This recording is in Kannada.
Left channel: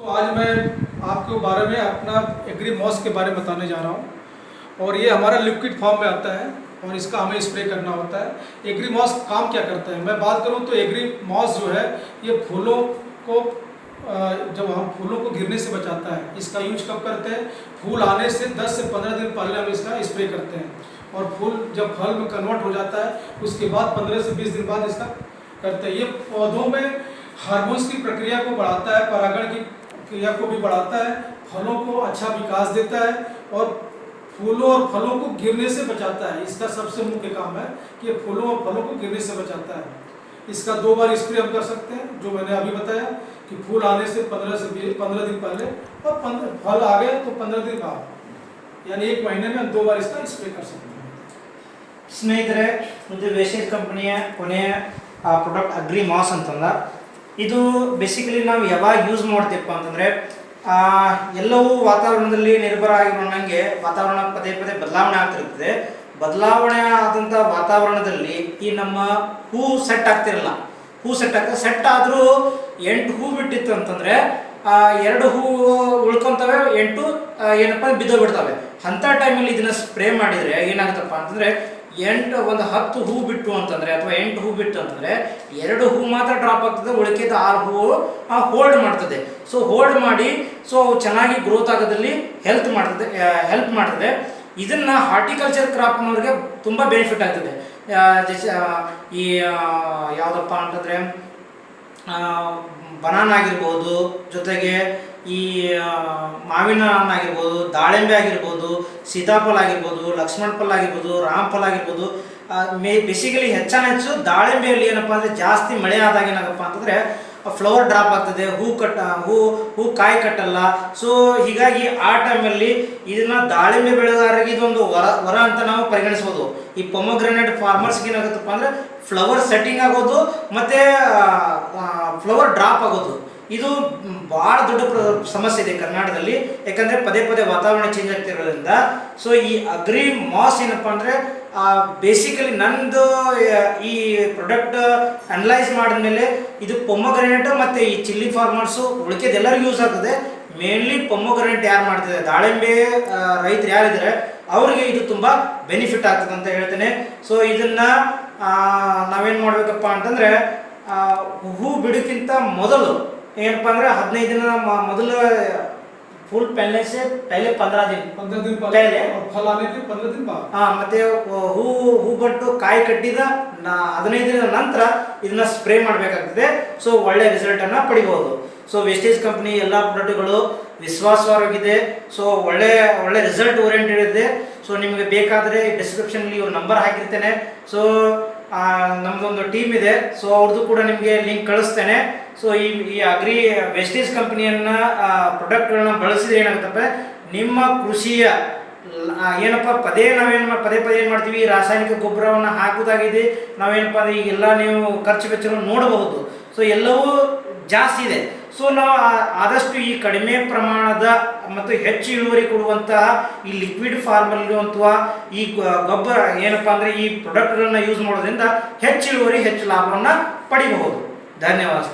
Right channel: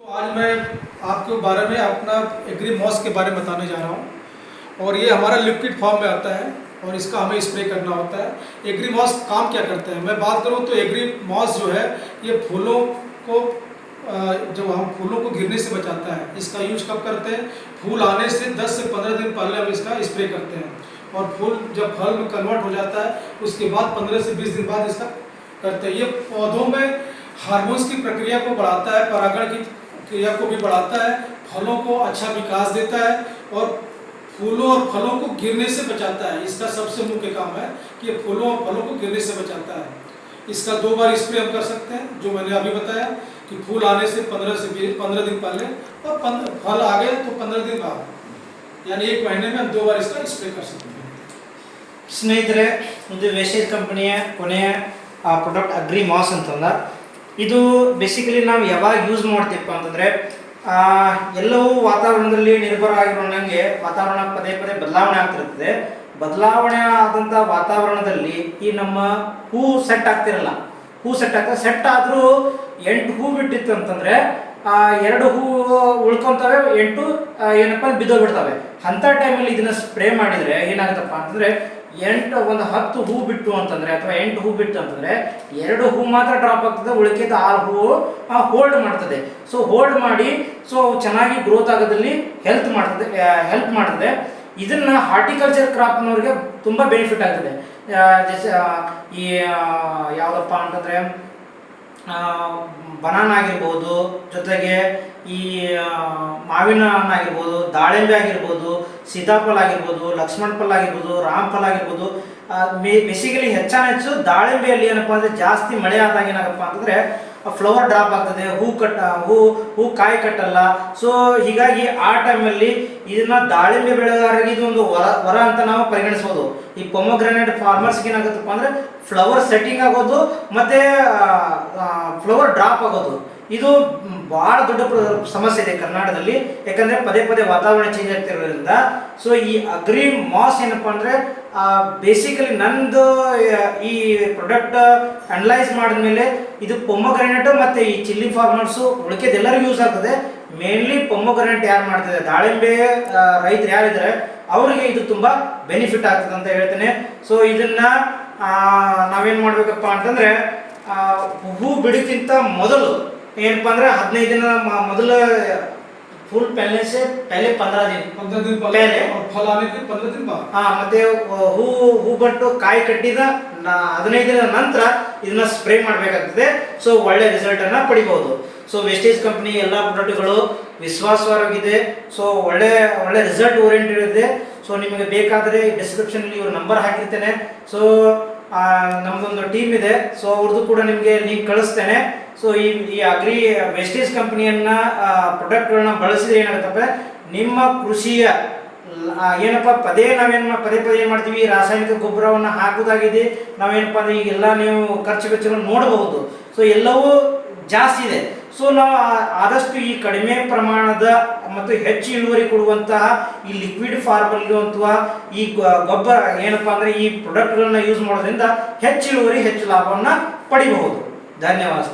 तो आज मैं आपके बारे में अपना एग्री मॉस के बारे में बताने जा रहा हूँ। और ये हमारा लिक्विड फॉर्म में आता है और इसका हमें स्प्रे करना होता है। एग्री मॉस काम क्या करता है, मैं बात करूँ तो एग्री मॉस जो है ये फूलों को जब हम फूलों को गिरने से बचाता है। इसका यूज कब करते हैं, फूल आने से 10 से 15 दिन पहले हम इसका स्प्रे करते हैं और फूल जब फल में कन्वर्ट हो जाता है उसके बाद 15 से 20 दिन बाद इसका करते हैं। ये पौधों में हार्मोन्स की प्रक्रिया को बढ़ाता है, परागण की क्रिया को भी बढ़ाता है, फलों को अच्छा विकास देता है और फूलों और फलों को गिरने से बचाता है। इसका सबसे मुख्य काम है कि ये फूलों और फलों को गिरने से बचाता है। इसका 2 बार स्प्रे हम कर सकते हैं, जो मैंने अभी बताया कि फूल आने से 15 दिन पहले और फल आ गए तो 15 दिन बाद, यानी 1 महीने में हम 2 बार इसका स्प्रे कर सकते हैं। ಸ್ನೇಹಿತರೆ, ಇದು ವೇಸ್ಟೇಜ್ ಕಂಪನಿಯ ಕೊನೆಯ ಪ್ರಾಡಕ್ಟ್ ಅಗ್ರಿ ಮಾಸ್ ಅಂತಂದ. ಇದು ಬೇಸಿಕಲಿ ನಾವು ಯಾವಾಗ ಯೂಸ್ ಮಾಡ್ತೀವಪ್ಪ ಅಂತಂದರೆ, ಎಲ್ಲವೂ ವಾತಾವರಣದಲ್ಲಿ ನಿರ್ಭರ ಆಗಿರೋಂಗೆ ವಾತಾವರಣ ಪದೇ ಪದೇ ಬದಲಾವಣೆ ಆಗ್ತಿರ್ತದೆ. ಬದಲಾವಣೆ ಆದಂಥ ವಾತಾವರಣದಲ್ಲಿ ಈ ನಮ್ಮ ಹೂ ಸೆಟ್ ಆಗ್ತಿರಲ್ಲ, ಹೂ ಸೆಟ್ ಆಗ್ತದೆ. ಸೆಟ್ ಆದರೂ 8 ಹೂ ಬಿಟ್ಟಿತ್ತು ಅಂತಂದರೆ 2 ಹೂ ಉಳ್ಕೊತವೆ, 8 ಏನಪ್ಪ ಬಿದ್ದೋಗ್ಬಿಡ್ತವೆ. ಅಂಥ ಟೈಮಲ್ಲಿ ಇದನ್ನು ಸ್ಪ್ರೇ ಮಾಡಿದರೆ ಏನಾಗುತ್ತಪ್ಪ ಅಂತಂದರೆ, 10 ಹೂ ಬಿಟ್ಟು ಅಂತಂದರೆ ಅಥವಾ 8 ಹೂ ಬಿಟ್ಟು ಅಂತಂದರೆ 2 ಹೂ ಮಾತ್ರ ಡ್ರಾಪ್ ಆಗ್ತದೆ, ಉಳಿಕೆದ 6 ಹೂ ಹೋಲ್ಡ್ ಮಾಡ್ತದೆ. ಸೊ ಹೋಲ್ಡ್ ಮಾಡಿ ಚೆನ್ನಾಗಿ ಗ್ರೋತ್ ಆಗೋದಲ್ಲಿ ಹೆಲ್ಪ್ ಮಾಡ್ತದೆ. ಇದನ್ನು ಹಾರ್ಟಿಕಲ್ಚರ್ ಕ್ರಾಪ್ನವ್ರಿಗೆ ತುಂಬ ಬೆನಿಫಿಟ್ ಆಗ್ತದೆ. ಈ ಯಾವುದಪ್ಪ ಅಂತಂದರೆ ಬನಾನ ಆಗಿರ್ಬೋದು, ಜೊತೆಗೆ ಈ ಮಾವಿನ ಹಣ್ಣು ಆಗಿರ್ಬೋದು, ದಾಳಿಂಬೆ ಆಗಿರ್ಬೋದು, ಸೀತಾಫಲ ಆಗಿರ್ಬೋದು, ಲಕ್ಷ್ಮಣ ಫಲ ಆಗಿರ್ಬೋದು, ರಾಮಫಲ ಆಗಿರ್ಬೋದು. ಬೇಸಿಕಲಿ ಹೆಚ್ಚು ದಾಳಿಂಬೆಯಲ್ಲಿ ಏನಪ್ಪ ಅಂದರೆ ಜಾಸ್ತಿ ಮಳೆ ಆದಾಗ ಏನಾಗಪ್ಪ ಅಂತಂದರೆ ಫ್ಲವರ್ ಡ್ರಾಪ್ ಆಗ್ತದೆ, ಹೂ ಕಾಯಿ ಕಟ್ಟಲ್ಲ. ಸೊ ಹೀಗಾಗಿ ಆ ಟೈಮಲ್ಲಿ ಇದನ್ನು ದಾಳಿಂಬೆ ಬೆಳೆಗಾರರಿಗೆ ಇದೊಂದು ವರ ಅಂತ ನಾವು ಪರಿಗಣಿಸ್ಬೋದು. ಈ ಪೊಮೊಗ್ರಾನೇಟ್ ಫಾರ್ಮರ್ಸ್ಗೆ ಏನಾಗುತ್ತಪ್ಪ ಅಂದರೆ ಫ್ಲವರ್ ಸೆಟ್ಟಿಂಗ್ ಆಗೋದು ಮತ್ತು ಫ್ಲವರ್ ಡ್ರಾಪ್ ಆಗೋದು, ಇದು ಭಾಳ ದೊಡ್ಡ ಸಮಸ್ಯೆ ಇದೆ ಕರ್ನಾಟಕದಲ್ಲಿ. ಯಾಕಂದರೆ ಪದೇ ಪದೇ ವಾತಾವರಣ ಚೇಂಜ್ ಆಗ್ತಿರೋದ್ರಿಂದ. ಸೊ ಈ ಅಗ್ರಿ ಮಾಸ್ ಏನಪ್ಪ ಅಂದರೆ ಬೇಸಿಕಲಿ ನಂದು ಈ ಪ್ರಾಡಕ್ಟ್ ಅನಲೈಸ್ ಮಾಡಿದ್ಮೇಲೆ ಇದು ಪೊಮೊಗ್ರಾನೇಟು ಮತ್ತು ಈ ಚಿಲ್ಲಿ ಫಾರ್ಮರ್ಸು ಉಳಿಕೆದು ಎಲ್ಲರಿಗೂ ಯೂಸ್ ಆಗ್ತದೆ. ಮೇನ್ಲಿ ಪೊಮೊಗ್ರಾನೇಟ್ ಯಾರು ಮಾಡ್ತದೆ, ದಾಳಿಂಬೆ ರೈತರು ಯಾರಿದ್ದಾರೆ ಅವರಿಗೆ ಇದು ತುಂಬ ಬೆನಿಫಿಟ್ ಆಗ್ತದೆ ಅಂತ ಹೇಳ್ತೇನೆ. ಸೊ ಇದನ್ನು ನಾವೇನು ಮಾಡಬೇಕಪ್ಪ ಅಂತಂದರೆ, ಹೂ ಬಿಡೋಕ್ಕಿಂತ ಮೊದಲು ಏನಪ್ಪ ಅಂದರೆ 15 ದಿನ ಮೊದಲು फूल पहले से पहले 15 दिन पहले और फल आने के 15 दिन बाद. ಮತ್ತೆ ಹೂ ಬಟ್ಟು ಕಾಯಿ ಕಟ್ಟಿದ 15 ದಿನದ ನಂತರ ಇದನ್ನ ಸ್ಪ್ರೇ ಮಾಡಬೇಕಾಗ್ತದೆ. ಸೊ ಒಳ್ಳೆ ರಿಸಲ್ಟ್ ಅನ್ನ ಪಡಿಬಹುದು. ಸೊ ವೇಸ್ಟೇಜ್ ಕಂಪನಿ ಎಲ್ಲ ಪ್ರಾಡಕ್ಟ್ಗಳು ವಿಶ್ವಾಸಾರ್ಹವಾಗಿದೆ. ಸೊ ಒಳ್ಳೆ ರಿಸಲ್ಟ್ ಓರಿಯೆಂಟೆಡ್ ಇದೆ. ಸೊ ನಿಮಗೆ ಬೇಕಾದರೆ ಡಿಸ್ಕ್ರಿಪ್ಷನ್ ಅಲ್ಲಿ ಇವ್ರ ನಂಬರ್ ಹಾಕಿರ್ತೇನೆ. ಸೊ ನಮ್ದೊಂದು ಟೀಮ್ ಇದೆ, ಸೊ ಅವ್ರದ್ದು ಕೂಡ ನಿಮಗೆ ಲಿಂಕ್ ಕಳಿಸ್ತೇನೆ. ಸೊ ಈ ಅಗ್ರಿ ವೇಸ್ಟೇಜ್ ಕಂಪನಿಯನ್ನ ಪ್ರಾಡಕ್ಟ್ಗಳನ್ನ ಬಳಸಿದ್ರೆ ಏನಾಗುತ್ತಪ್ಪ, ನಿಮ್ಮ ಕೃಷಿಯ ಏನಪ್ಪ ನಾವೇನು ಪದೇ ಏನು ಮಾಡ್ತೀವಿ, ರಾಸಾಯನಿಕ ಗೊಬ್ಬರವನ್ನು ಹಾಕೋದಾಗಿದೆ. ನಾವೇನಪ್ಪ ಅಂದರೆ ಈಗೆಲ್ಲ ನೀವು ಖರ್ಚು ವೆಚ್ಚಗಳನ್ನು ನೋಡಬಹುದು. ಸೊ ಎಲ್ಲವೂ ಜಾಸ್ತಿ ಇದೆ. ಸೊ ನಾವು ಆದಷ್ಟು ಈ ಕಡಿಮೆ ಪ್ರಮಾಣದ ಮತ್ತು ಹೆಚ್ಚು ಇಳುವರಿ ಕೊಡುವಂತಹ ಈ ಲಿಕ್ವಿಡ್ ಫಾರ್ಮಲ್ಲಿ ಅಥವಾ ಈ ಗೊಬ್ಬರ ಏನಪ್ಪ ಅಂದರೆ ಈ ಪ್ರಾಡಕ್ಟ್ಗಳನ್ನ ಯೂಸ್ ಮಾಡೋದ್ರಿಂದ ಹೆಚ್ಚು ಇಳುವರಿ, ಹೆಚ್ಚು ಲಾಭವನ್ನು ಪಡಿಬಹುದು. ಧನ್ಯವಾದ.